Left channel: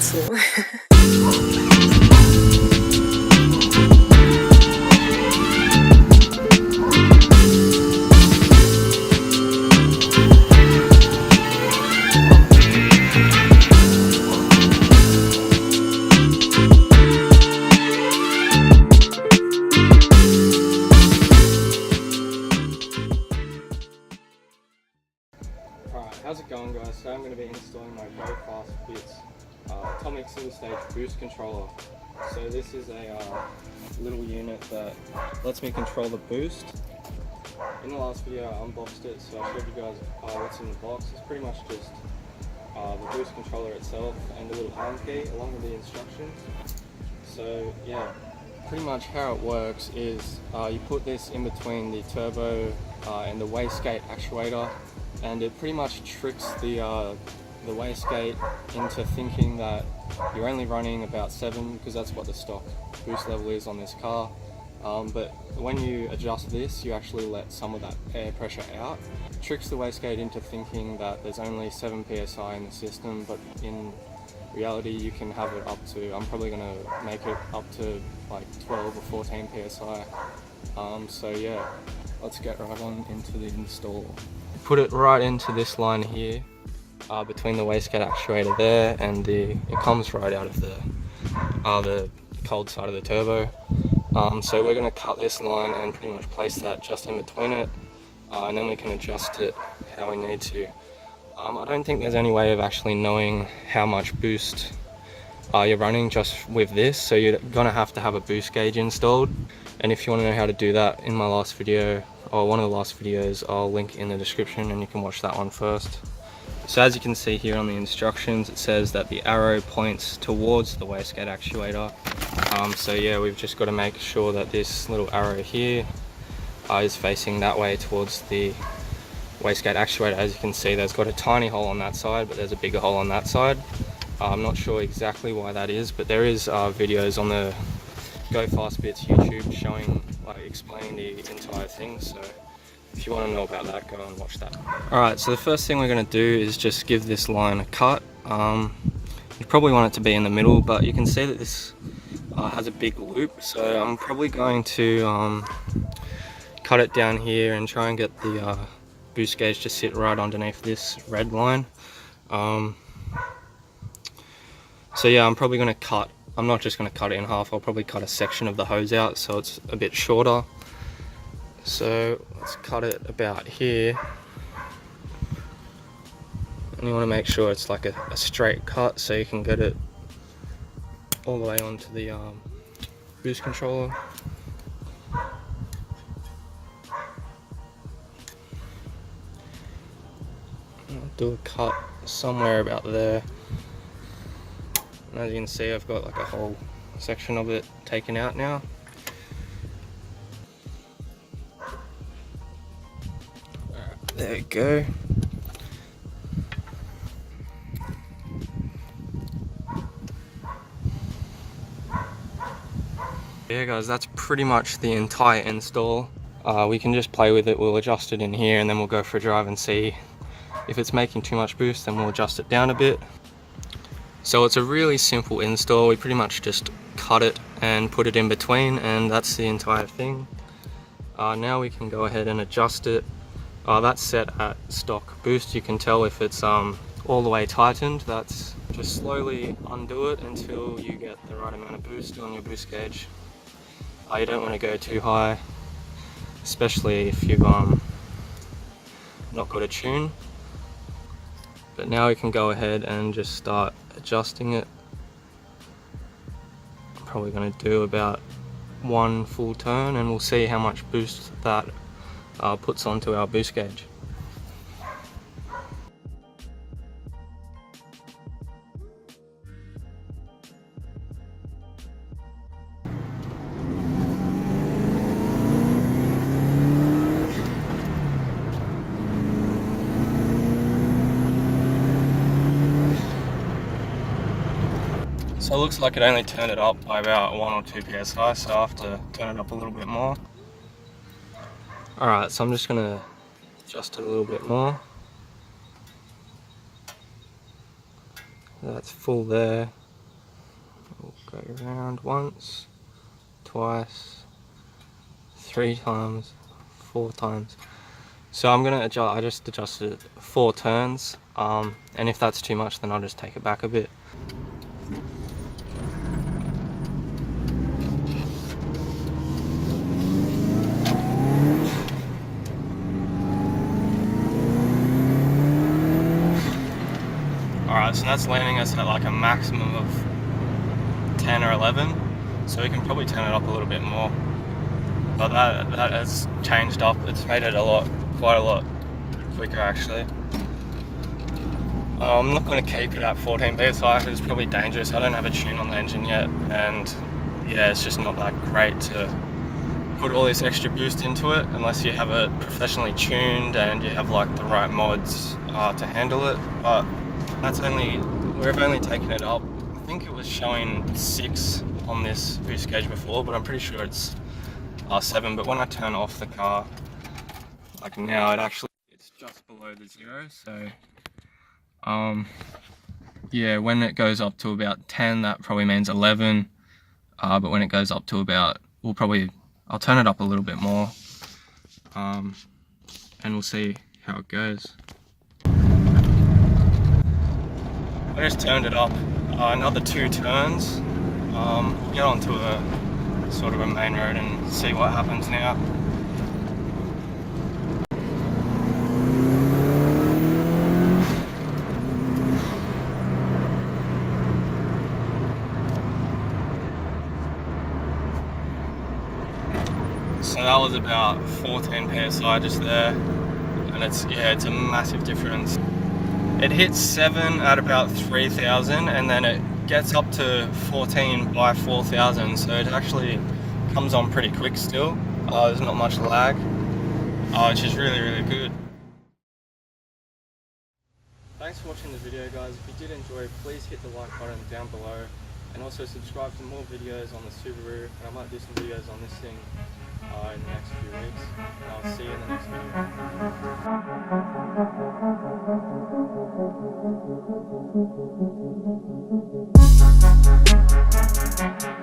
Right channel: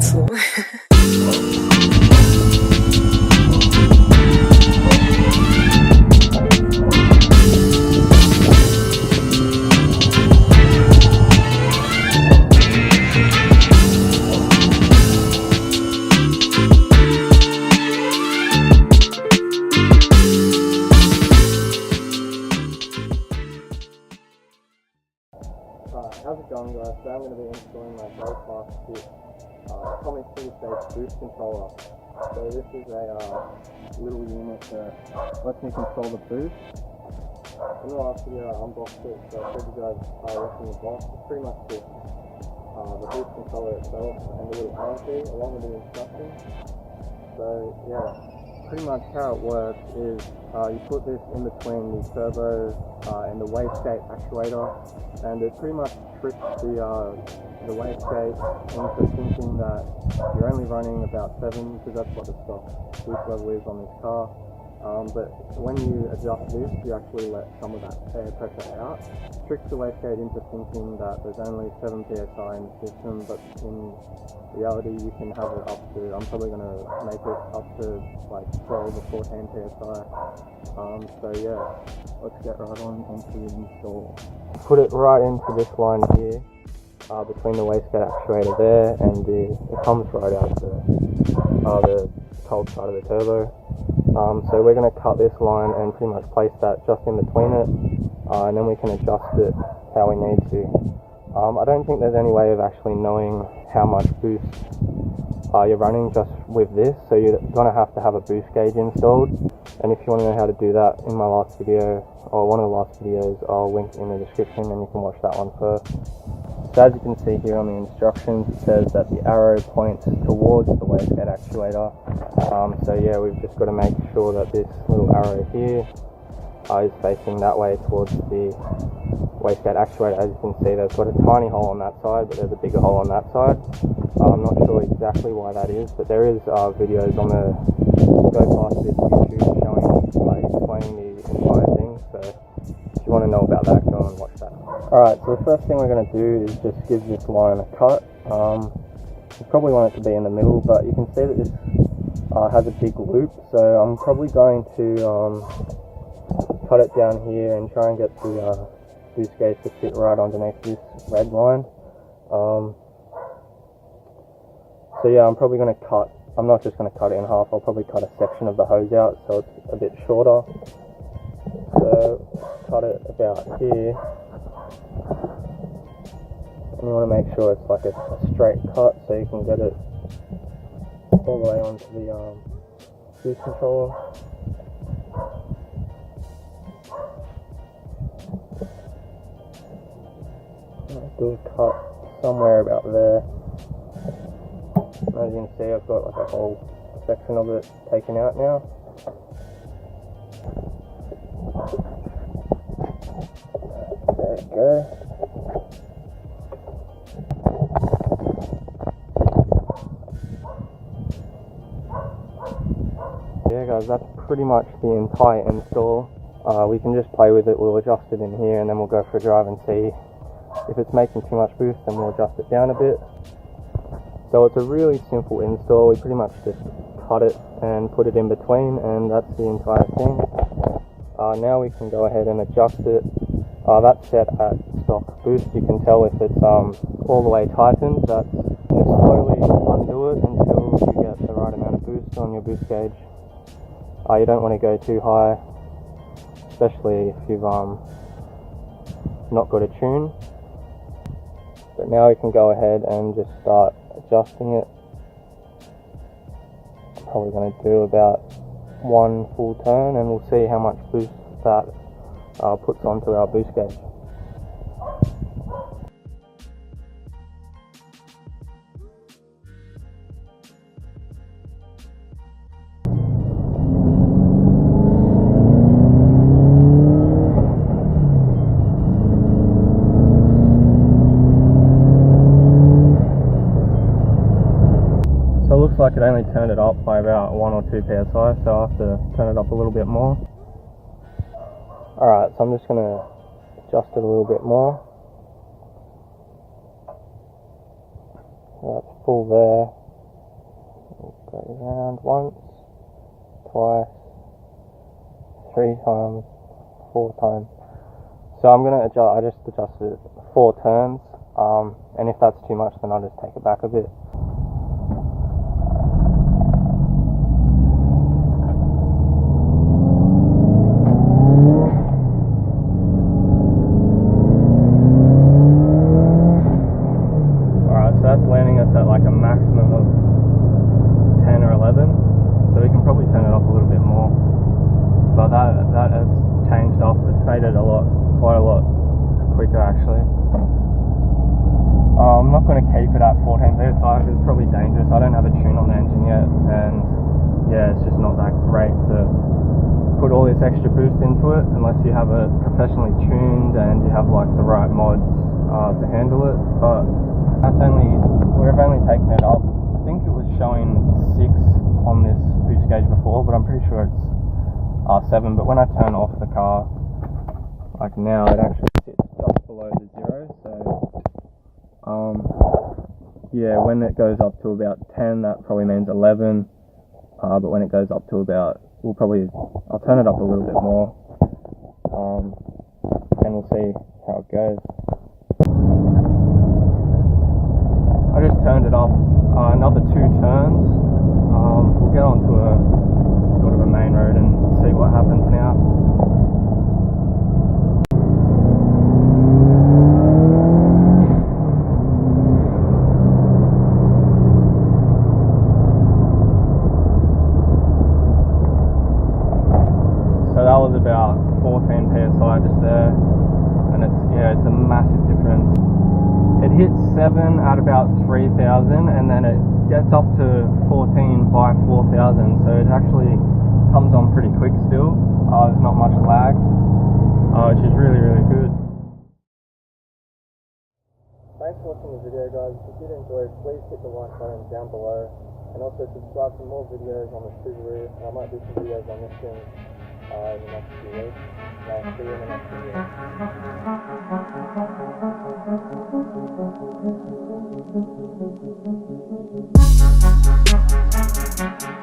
dazu. Alright, how's it going guys? Today I'm going to be installing my very fast bits Atomic single stage boost controller. So this is a little unit that lets me control the boost. In the last video I unboxed it, so I showed you guys what's in the box. It's pretty much just the boost controller itself and the little Allen key along with the instructions. So yeah, pretty much how it works is you put this in between the turbo and the wastegate actuator, and it pretty much tricks the wastegate into thinking that you're only running about 7, because that's what the stock boost level is on this car. But when you adjust this, you actually let some of that air pressure out. It tricks the wastegate into thinking that there's only 7 psi in the system, but in reality you can have it up to, I'm probably going to make it up to like 12 or 14 psi. So yeah, let's get right on into the install. Put it right into this line here, between the wastegate actuator there and it comes right out of the cold side of the turbo. So we're going to cut this line and pretty much place that just in between it, and then we can adjust it how we need to. I don't think there's any way of actually knowing how much boost you're running just with this, so you're going to have a boost gauge installed. And if you want to know how to do that, in my last video, or one of the last videos, I'll link in the description and you can watch that one first. So as you can see here on the instructions, it says that the arrow points towards the wastegate actuator. So yeah, we've just got to make sure that this little arrow here is facing that way towards the wastegate actuator. As you can see, there's got a tiny hole on that side, but there's a bigger hole on that side. I'm not sure exactly why that is, but there is videos on the Go Fast Bits YouTube showing, explaining the entire thing. So if you want to know about that, go and watch that. Alright, so the first thing we're going to do is just give this line a cut. You probably want it to be in the middle, but you can see that this has a big loop, so I'm probably going to cut it down here and try and get the boost gauge to sit right underneath this red line. So yeah, I'm probably going to cut, I'm not just going to cut it in half, I'll probably cut a section of the hose out so it's a bit shorter. So let's cut it about here, and you want to make sure it's like a straight cut so you can get it all the way onto the boost controller. I'll do a cut somewhere about there. And as you can see, I've got like a whole section of it taken out now. There we go. Yeah guys, that's pretty much the entire install. We can just play with it, we'll adjust it in here and then we'll go for a drive and see if it's making too much boost, then we'll adjust it down a bit. So it's a really simple install, we pretty much just cut it and put it in between, and that's the entire thing. Now we can go ahead and adjust it. That's set at stock boost. You can tell if it's all the way tightened. That's just slowly undo it until you get the right amount of boost on your boost gauge. You don't want to go too high, especially if you've not got a tune. But now we can go ahead and just start adjusting it. I'm probably going to do about 1 full turn and we'll see how much boost that puts onto our boost gauge. So it looks like it only turned it up by about 1 or 2 psi, so I have to turn it up a little bit more. Alright, so I'm just going to adjust it a little bit more. That's full there. Go around once, twice, 3 times, 4 times. So I'm gonna adjust, I just adjusted it 4 turns, and if that's too much then I'll just take it back a bit. Alright, so that's landing us at like a maximum of 10 or 11, so we can probably turn it up a little bit more. But that has changed up, it's made it quite a lot quicker actually. I'm not going to keep it at 14 psi because it's probably dangerous. I don't have a tune on the engine yet, and yeah, it's just not that great to put all this extra boost into it unless you have it professionally tuned and you have like the right mods to handle it. But we've only taken it up, I think it was showing 6 on this boost gauge before, but I'm pretty sure it's 7. But when I turn off the car, like now, it actually hits just below the 0. So yeah, when it goes up to about 10, that probably means 11. But when it goes up to about, I'll turn it up a little bit more, and we'll see how it goes. I just turned it up another 2 turns. We'll get onto a sort of a main road and see what happens now. So that was about 14 psi just there, and it's a massive difference. It hits 7 at about 3,000, and then it gets up to 14 by 4,000, so it actually comes on pretty quick still. There's not much lag, which is really, really good. Thanks for watching the video, guys. If you did enjoy, please hit the like button down below, and also subscribe to more videos on the Subaru, and I might do some videos on this thing in the next few weeks. I'll see you in the next video.